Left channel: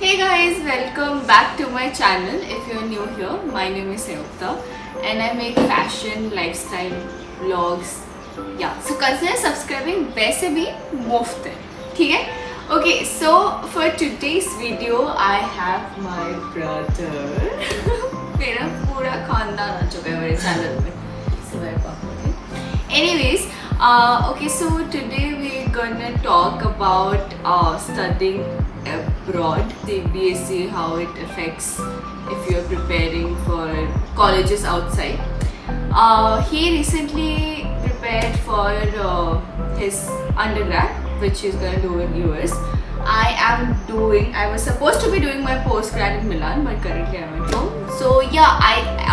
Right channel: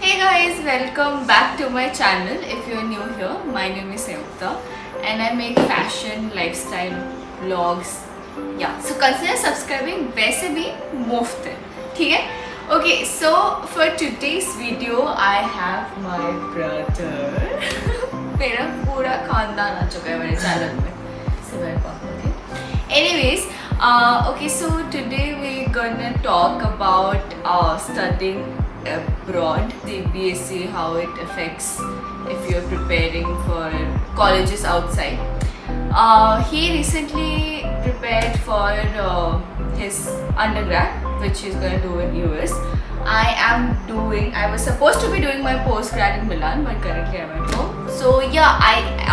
Hey guys, welcome back to my channel. If you're new here, my name is Sayukta and I make fashion, lifestyle, vlogs. Yeah, so consider subscribing. वैसे भी मुफ्त है, ठीक है? Okay, so for today's video, I have my brother. मेरा पूरा खानदान आ चुका है मेरे चैनल में. So welcome, okay? Anyways, okay, so today we're gonna talk about studying abroad, CBSE, how it affects if you're preparing for colleges outside. He recently prepared for his undergrad, which he's going to do in US. I was supposed to be doing my postgrad in Milan, but currently I'm at home. So yeah,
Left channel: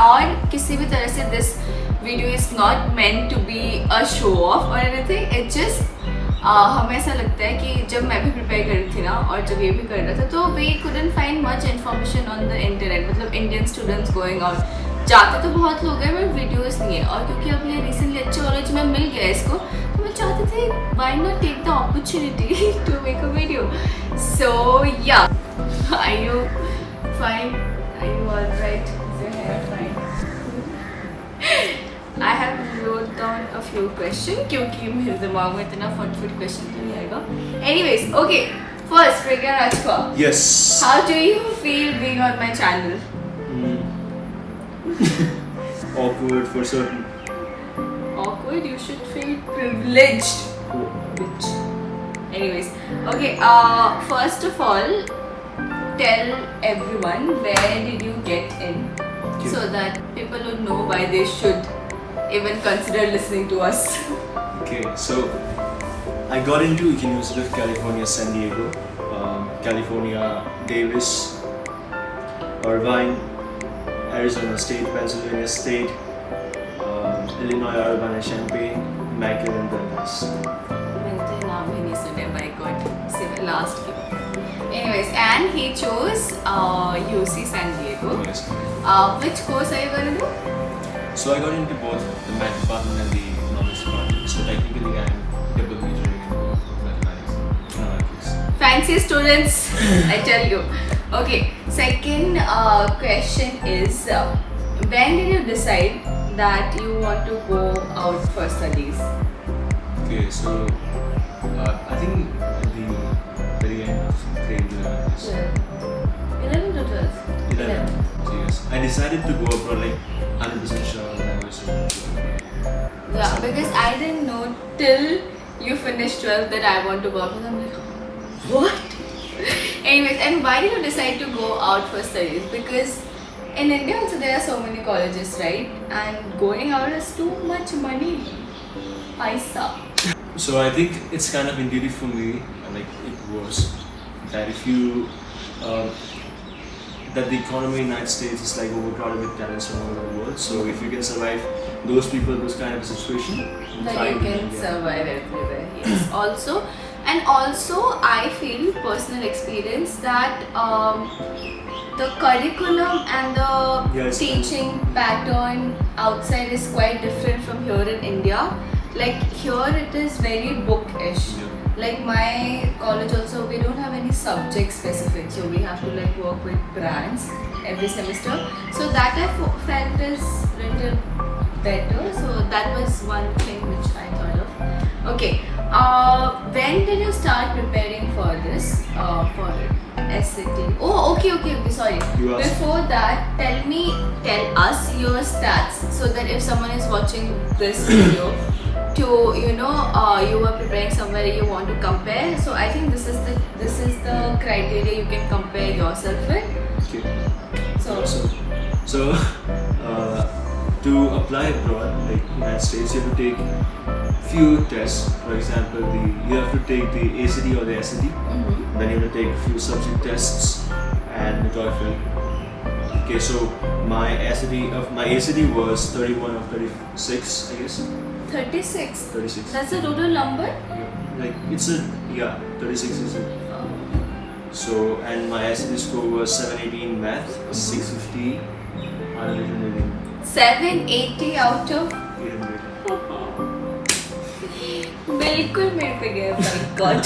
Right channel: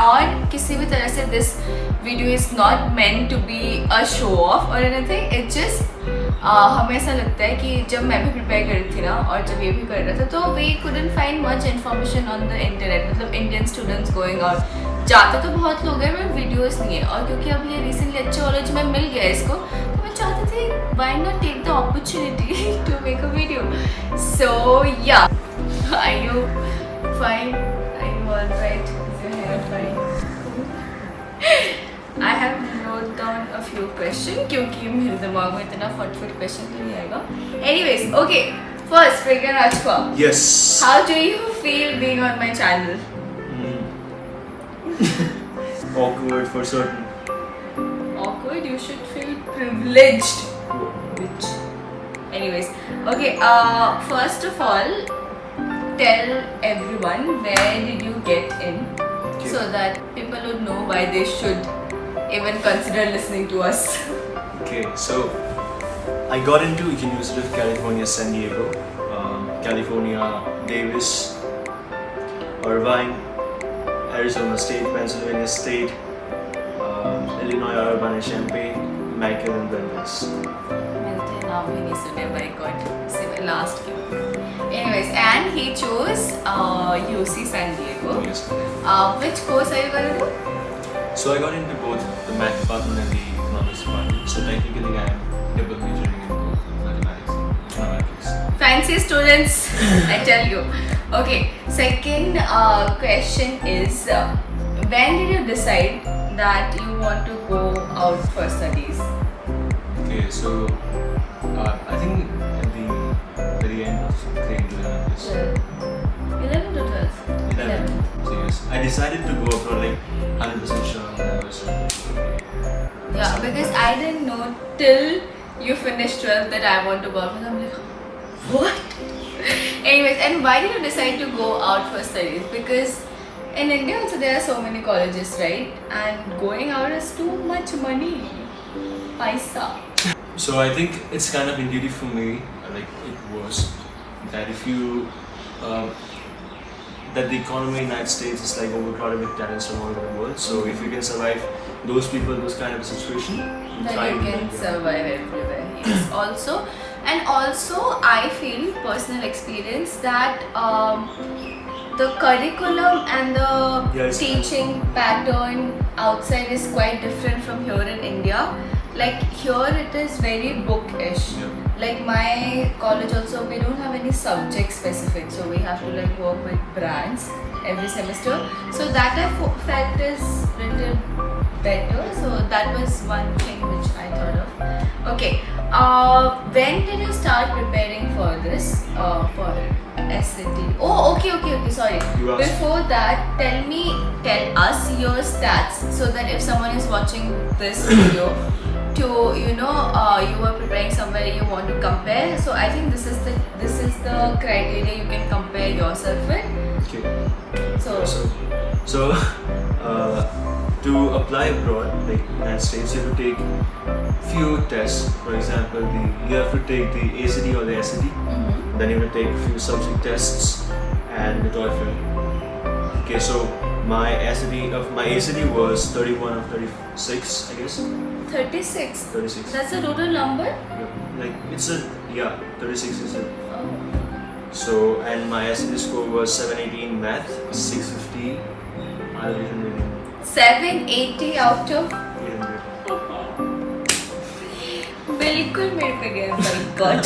और किसी भी तरह से this video is not meant to be a show off or anything. It just हमें ऐसा लगता है कि जब मैं भी प्रिपेयर कर रही थी ना और जब ये भी कर रहा था तो we couldn't find much information on the internet. मतलब इंडियन स्टूडेंट्स गोइंग आउट जाते तो बहुत लोग हैं बट वीडियोस नहीं है. और क्योंकि अभी ये रिसेंटली अच्छे कॉलेज में मिल गया इसको तो मैं चाहती थी why not take the opportunity to make a video. So yeah, are you fine? Are you alright? Is your hair fine? I have wrote down a few questions क्योंकि मेरे दिमाग में इतना फटाफट क्वेश्चन तो नहीं आएगा. Anyways, okay. First, Pragya Rajka. Yes. How do you feel being on my channel? Awkward for certain. Awkward? You should feel privileged. Bitch. Anyways, okay. First of all, tell everyone where did you get in, so that people would know why they should even consider listening to us. Okay, so I got into University of California, San Diego, California, Davis, Irvine, Arizona State, Pennsylvania State, Illinois, Urbana-Champaign, Michael and Brandeis. मैंने तो नाम भी नहीं सुने by God. सिर्फ last के. Anyways, and he chose UC San Diego. Yes. Which course are you gonna do? So I got into both the math department and the economics department. So technically I am double majoring in mathematics. Fancy students, I tell you. Okay, second question is when did you decide that you want to go out for studies? Okay, so I think at the very end of grade 11. 11 to 12? 11. So yes, I decided to go for like 100% sure when I was. Yeah, because I didn't know till you finished 12 that I want to go out. I'm like, what? Anyways, and why did you decide to go out for studies? Because in India also there are so many colleges, right? And going out is too much money. Paisa. So I think it's kind of intuitive for me, like it was, that if you that the economy in the United States is like overcrowded with talents from all over the world. So if you can survive those people, those kind of situation, That you can survive everywhere. Yes. Also, I feel personal experience that the curriculum and the Yes. teaching pattern outside is quite different from here in India. Like here it is very bookish. Yeah. Like my college also, we don't have any subject specific, so we have to like work with brands every semester. So that I felt is little better. So that was one thing which I thought of. Okay, when did you start preparing for this? For SAT? Oh, okay. Sorry. You asked. Before that, tell us your stats so that if someone is watching this video. To you are preparing somewhere you want to compare, so I think this is the criteria you can compare yourself with. Okay. So To apply abroad, like United States, you have to take few tests. For example, you have to take the ACT or the SAT. Then you have to take a few subject tests and the TOEFL. Okay, so my ACT was 31 or 36, I guess. 36. 36. That's a total number. Yeah, 36 is it. Oh. So, and my SAT score was 780 in math, 650 out of 800. 780 out of 800. बिल्कुल मेरे पे गया, by God.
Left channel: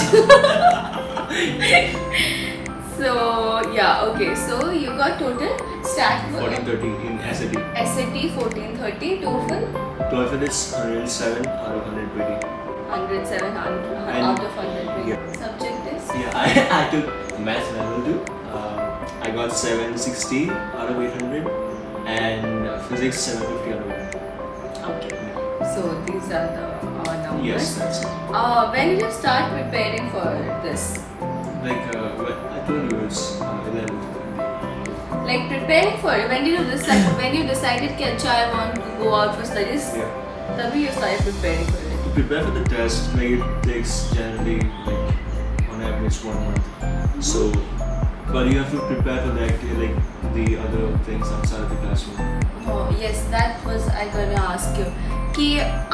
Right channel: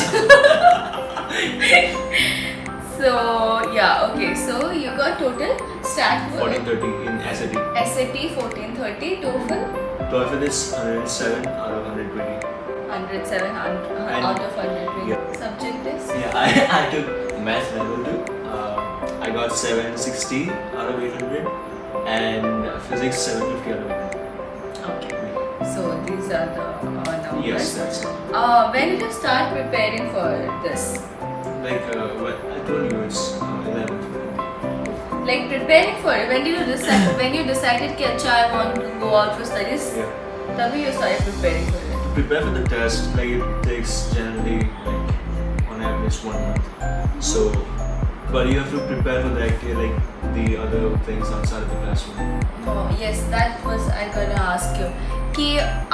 So Yeah, okay. So you got total stat 1430 in SAT. SAT 1430, TOEFL TOEFL is 107 out of 120. 107 out of 120. Yeah. Subject is? Yeah, I took maths level 2. I got 760 out of 800 and physics 750 out of 800. Okay. So these are the numbers. Yes, that's it. When did you start preparing for this? Like I told you, it's 11th. Like preparing for it. When did you decide? When you decided that "Acha, I want to go out for studies? Yeah. Tabhi you started preparing for it. To prepare for the test, like it takes generally like on average 1 month. So, but you have to prepare for the activity, like the other things outside of the classroom. Oh yes, that was I gonna ask you. Ki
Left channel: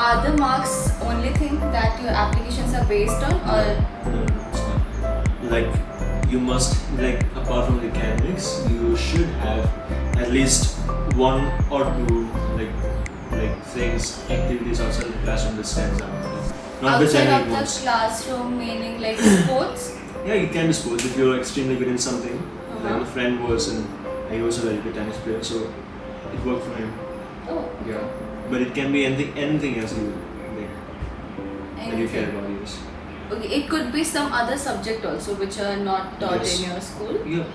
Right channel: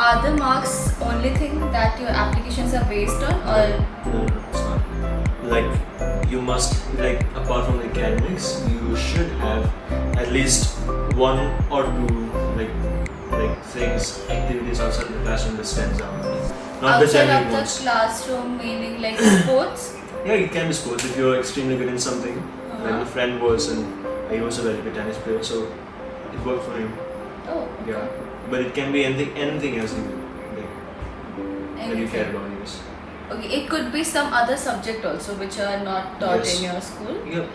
are the marks only thing that your applications are based on, or No, it's not. Like you must, like apart from the academics, you should have at least 1 or 2 like things, activities outside the classroom that stands out. Not the outside generic of the ones. classroom, meaning like sports? Yeah, it can be sports if you're extremely good in something. Uh-huh. Like a friend was, and he was a very good tennis player, so it worked for him. Oh, okay. Yeah, but it can be anything else you like that you care Anything. about. Yes. Okay, it could be some other subject also which are not taught Yes. in your school. Yeah.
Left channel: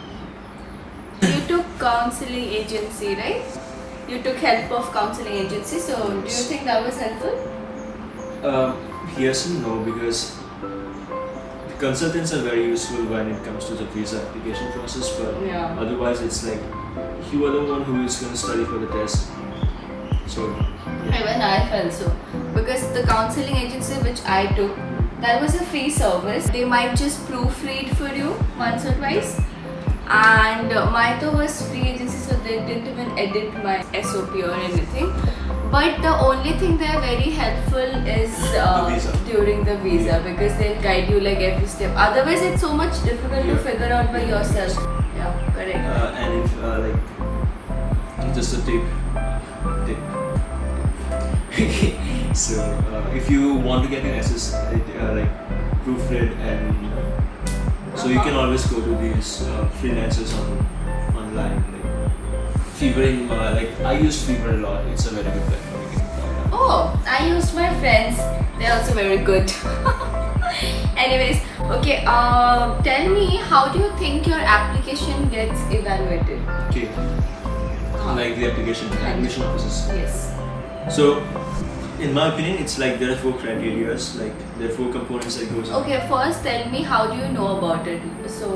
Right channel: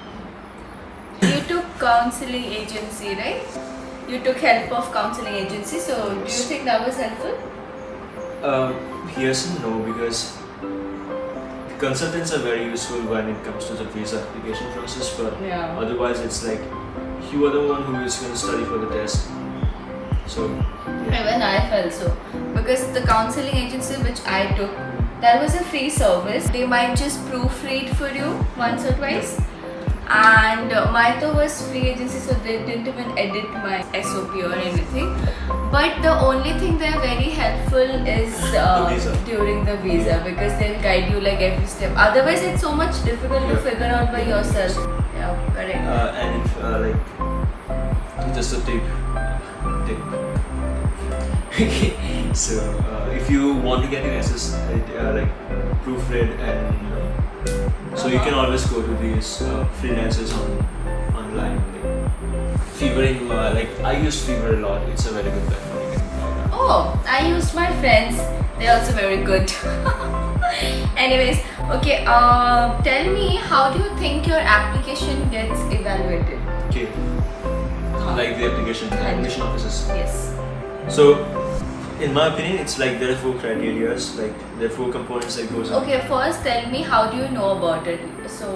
You took counseling agency, right? You took help of counseling agency. So do you Yes. think that was helpful? Yes and no, because the consultants are very useful when it comes to the visa application process, but Yeah. otherwise it's like you are the one who is going to study for the test. So yeah. Even I felt so, because the counseling agency which I took, that was a free service. They might just proofread for you once or twice, and mine was free agency, so they didn't even edit my SOP or anything. But the only thing they are very helpful is visa. during the visa, because they'll guide you like every step. Otherwise, it's so much difficult to Yeah. figure out by yourself. Yeah, correct. And if like just a tip. So if you want to get your like proofread, and so you can always go to these freelancers online. Like Fevering, like I use Fever a lot. It's a very good platform. You can try it out. Oh, I used my friends. They're also very good. Anyways, okay. Tell me, how do you think your application gets evaluated? Okay. Like the application offices. Yes. So, in my opinion, it's like there are 4 criteria. Like there are 4 components that goes on. Okay. First, tell me, how do you know about it? So,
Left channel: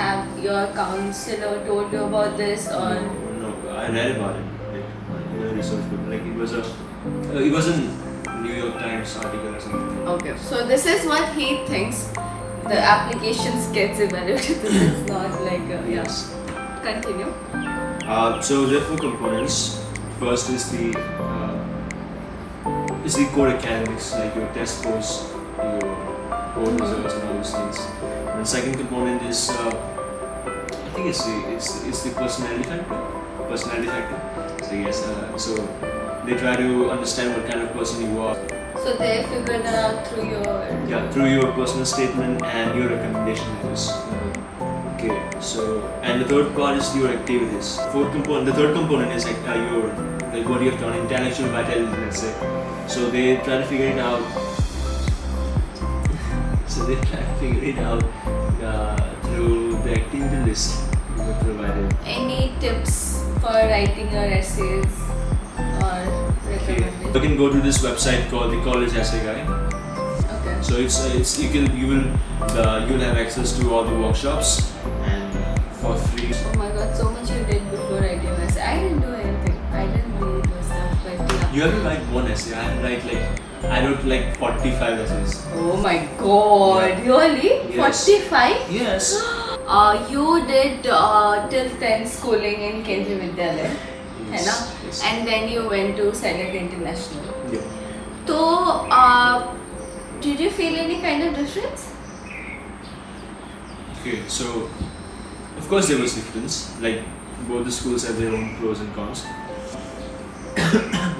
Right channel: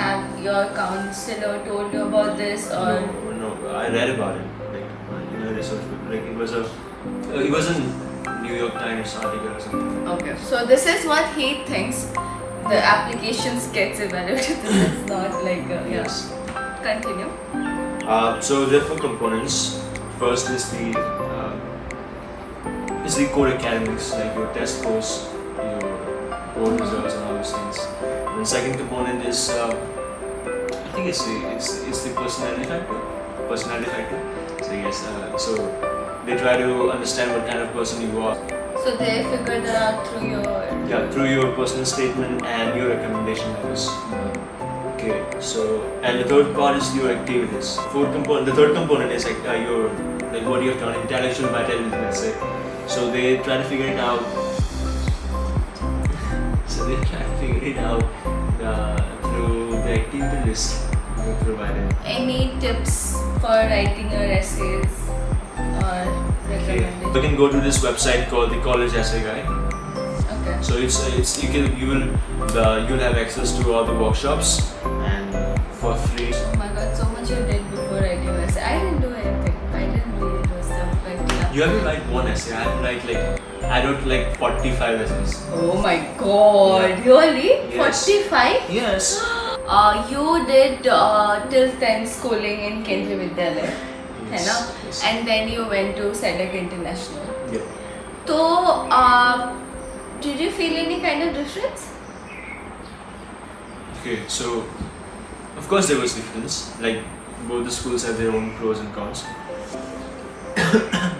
have your counselor told you about this, or No, I read about it. Like in a research paper. Like it was a New York Times article or something. okay? So this is what he thinks. The applications gets evaluated. This is not like yeah. Yes. Continue. So there are 4 components. First is the core academics, like your test scores, your board results, and all those things. And the second component is, I think it's the personality factor. So yes, so they try to understand what kind of person you are. So they figured that out Through your personal statement and your recommendation letters. Okay, so and the third part is your activities. The third component is like what you have done, intellectual vitality, let's say. So they try to figure it out. Through the activity list we provided. Any tips for writing your essays or recommendation? You can go to this website called the College Essay Guide. Okay. So you'll have access to all the workshops and for free. Oh my god, so much you did before writing your essay. I didn't do anything. I didn't read it myself, but yeah. You have to write one essay. I wrote like 45 essays. Oh my god, really? Yes. 45? Yes. You did till 10th schooling in Kendriya Vidyalaya, है ना? Yes. And then you went to Select International. Yeah. So, did you feel any kind of difference? Okay, so of course there was difference. Like both the schools have their own pros and cons.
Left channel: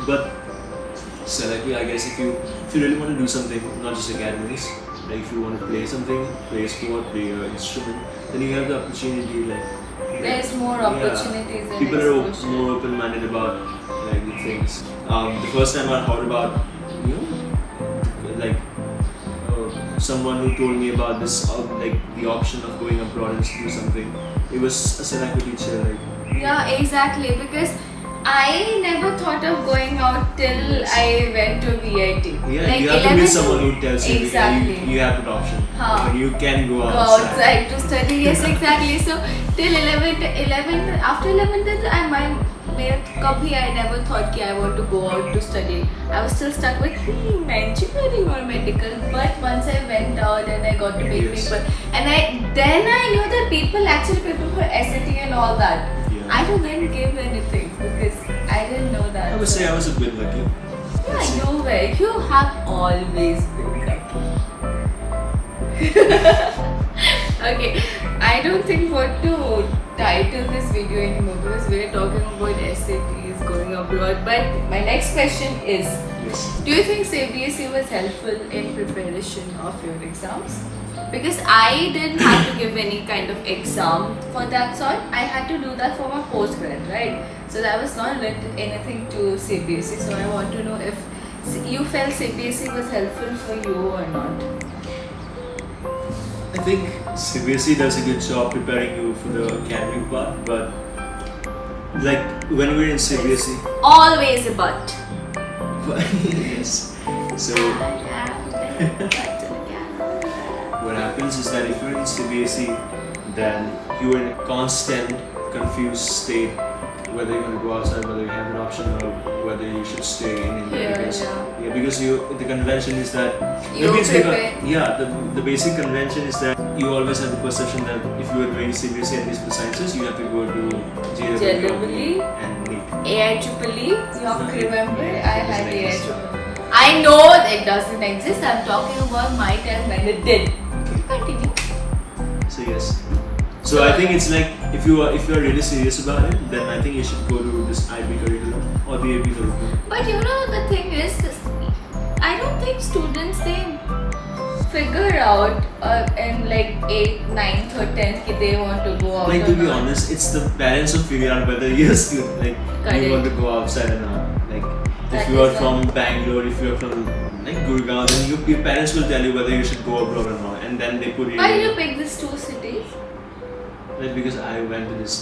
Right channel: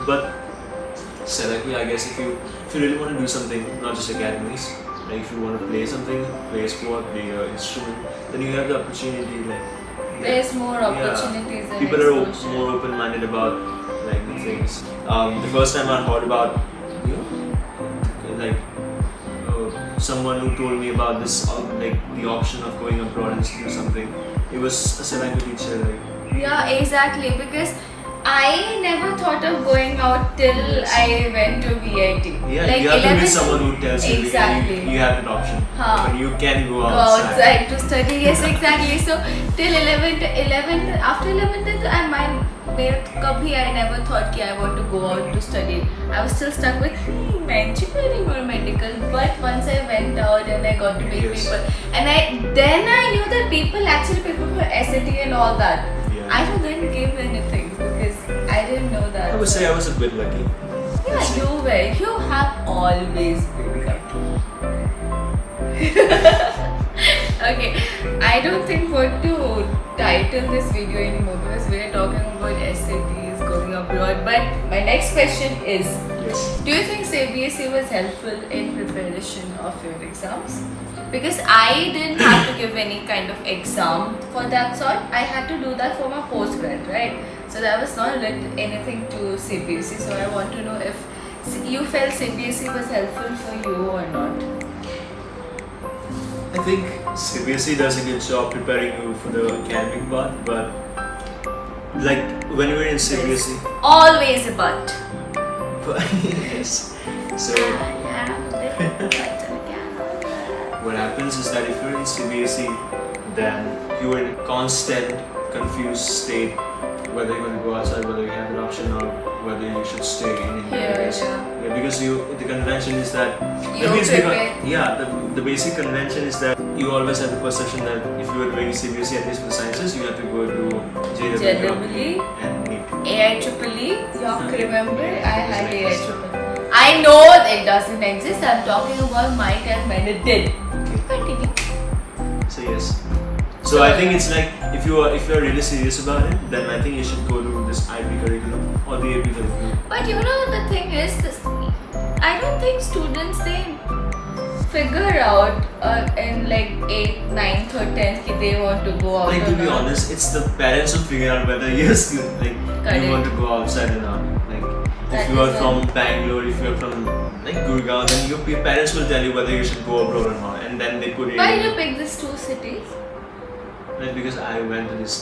But Select, I guess if you really want to do something, not just academics, Like if you want to play something, play a sport, play an instrument, then you have the opportunity. Like There's more yeah, opportunities and people are exposure. more open-minded about like the things. The first time I heard about, you know, like someone who told me about this, like the option of going abroad and do something. It was a Seneca teacher, like. Yeah, exactly. Because I never thought of going out till I went to VIT. Yeah, like you have to meet someone who tells you exactly. that you have that option. Huh. But you can go Go outside. outside to study. Yes, exactly. So till 11th, after 11th, I never thought कि I want to go out to study. I was still stuck with engineering or medical. But once I went out and I got to meet Yes. people, and then I knew that people actually prepare for SAT and all that. Yeah. I didn't give anything because I didn't know that. I would say I was a bit lucky. Yeah, you were. You have always been lucky. Okay, I don't think what to title this video anymore because we're talking about SATs going abroad. But my next question is, Yes. do you think CBSE was helpful in preparation of your exams? Because I didn't have to give any kind of exam for that sort. I had to do that for my postgrad, right? So that was not related anything to CBSE. So I want to know if you felt CBSE was helpful for you or not. I think CBSE does a good job preparing you for the academic part, but like when we're in CBSE, Always a but. yes. So what happens is that if you're in CBSE, then you're in a constant confused state whether you want to go outside, whether you have an option, or whether you should stay in India. Here, Because- yeah. because the convention is that You because prepare. the basic convention is that you always have the perception that if you are doing CBSE, at least for sciences, you have to go to JEE and NEET. AIEEE, you remember? I had AIEEE. I know it doesn't exist. I'm talking about my time when it did. Continue. So yes. So I think it's like if you are really serious about it, then I think you should go to this IB curriculum or the AP curriculum. But you know the thing is, I don't think students they figure out in like 8th, 9th or 10th that they want to go out Like or to be not. honest, it's the parents who figure out whether you Correct. want to go outside or not. Like That if you are is from Bangalore, if you are from like Gurgaon, then your parents will tell you whether you should go abroad or not, and then they put Why did you pick these two cities? like because I went to this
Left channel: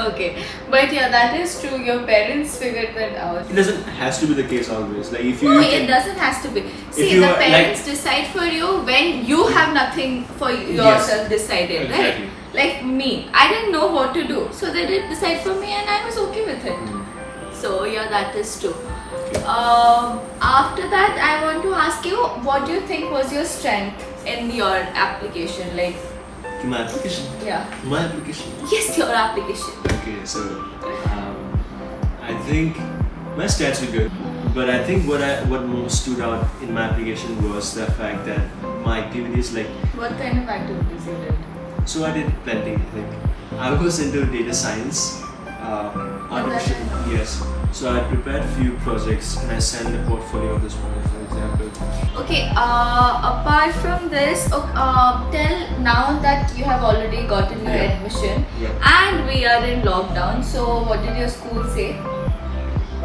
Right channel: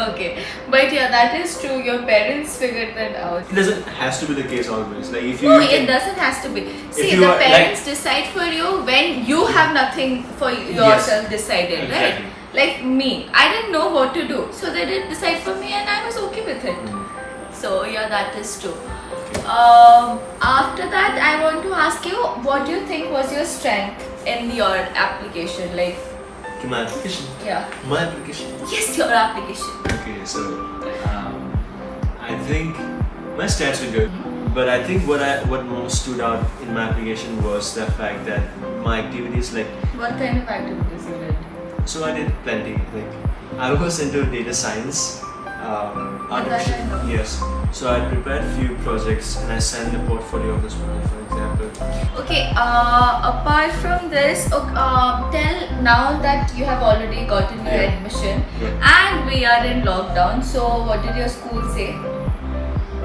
Okay, but yeah, that is true. Your parents figured that out. It doesn't has to be the case always. Like if you No, it doesn't has to be. See, you the are, like- parents decide for you when you have nothing for yourself decided, Exactly. right? Like me, I didn't know what to do, so they did decide for me, and I was okay with it. So yeah, that is true. After that, I want to ask you, what do you think was your strength in your application? Like, my application. yeah, My application. yes, your application. Okay, so I think my stats were good, but I think what most stood out in my application was the fact that my activities, like, What kind of activities you did? so I did plenty. Like I was into data science, artificial. I know. Yes. So I prepared few projects and I sent the portfolio of this one, for example. Okay, apart from this, tell now that you have already gotten your Yeah. admission Yeah. and we are in lockdown, so what did your school say?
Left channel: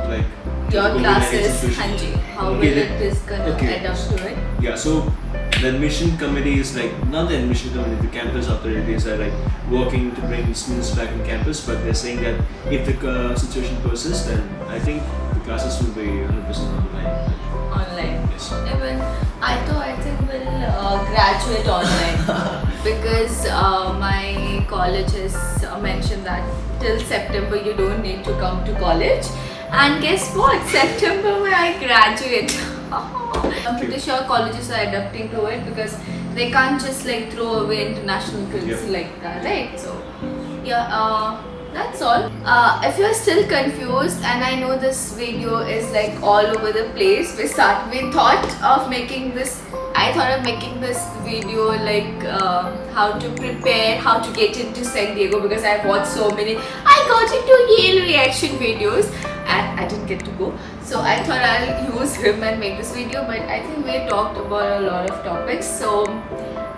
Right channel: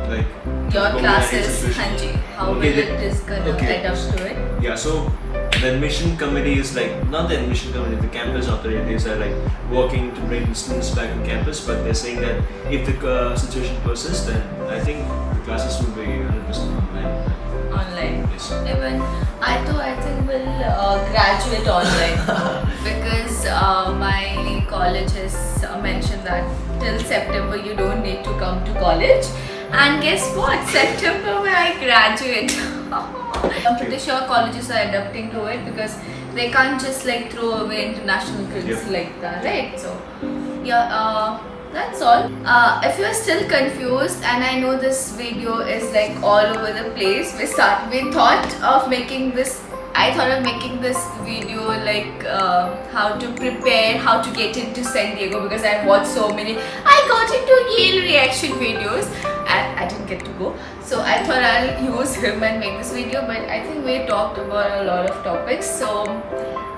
Like Your COVID-19 classes, situation. Hanji, how Okay, will the- it is gonna okay. adapt to it? Yeah, so the admission committee is like, not the admission committee, the campus authorities are like working to bring students back on campus, but they're saying that if the situation persists, then I think the classes will be 100% online. Online. Yes. Even I think we'll graduate online because my college has mentioned that till September you don't need to come to college, and guess what? September where I graduate. I'm pretty sure colleges are adapting to it because they can't just like throw away international credits Yeah. like that, right? So yeah, that's all. If you're still confused, and I know this video is like all over the place, we thought of making this I thought of making this video like how to prepare, how to get into San Diego, because I've watched so many. I got into Yale reaction videos and I didn't get to go. So I thought I'll use him and make this video, but I think we talked about a lot of topics. So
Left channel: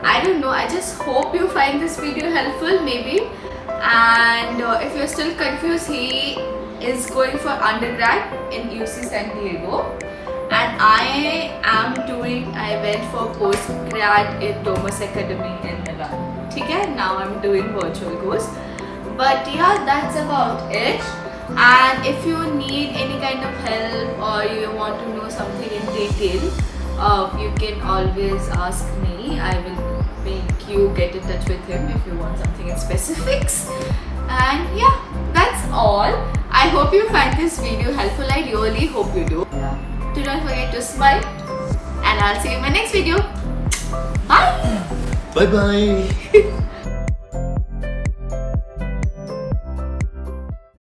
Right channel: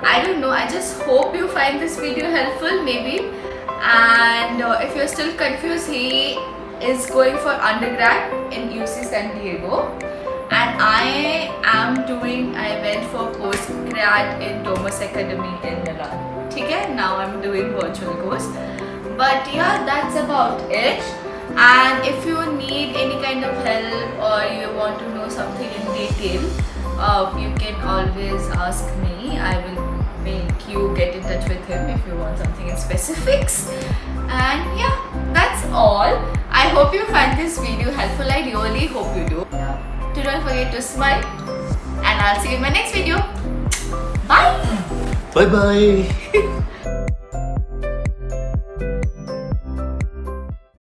I don't know. I just hope you find this video helpful, maybe. And if you're still confused, he is going for undergrad in UC San Diego. And I went for postgrad in Thomas Academy in Milan. Okay, now I'm doing virtual course. But yeah, that's about it. And if you need any kind of help or you want to know something in detail, you can always ask me. I will make you get in touch with him if you want something in specifics. And yeah, that's all. I hope you find this video helpful. I really hope you do. Yeah. So don't forget to smile, and I'll see you in my next video. Bye. Bye bye.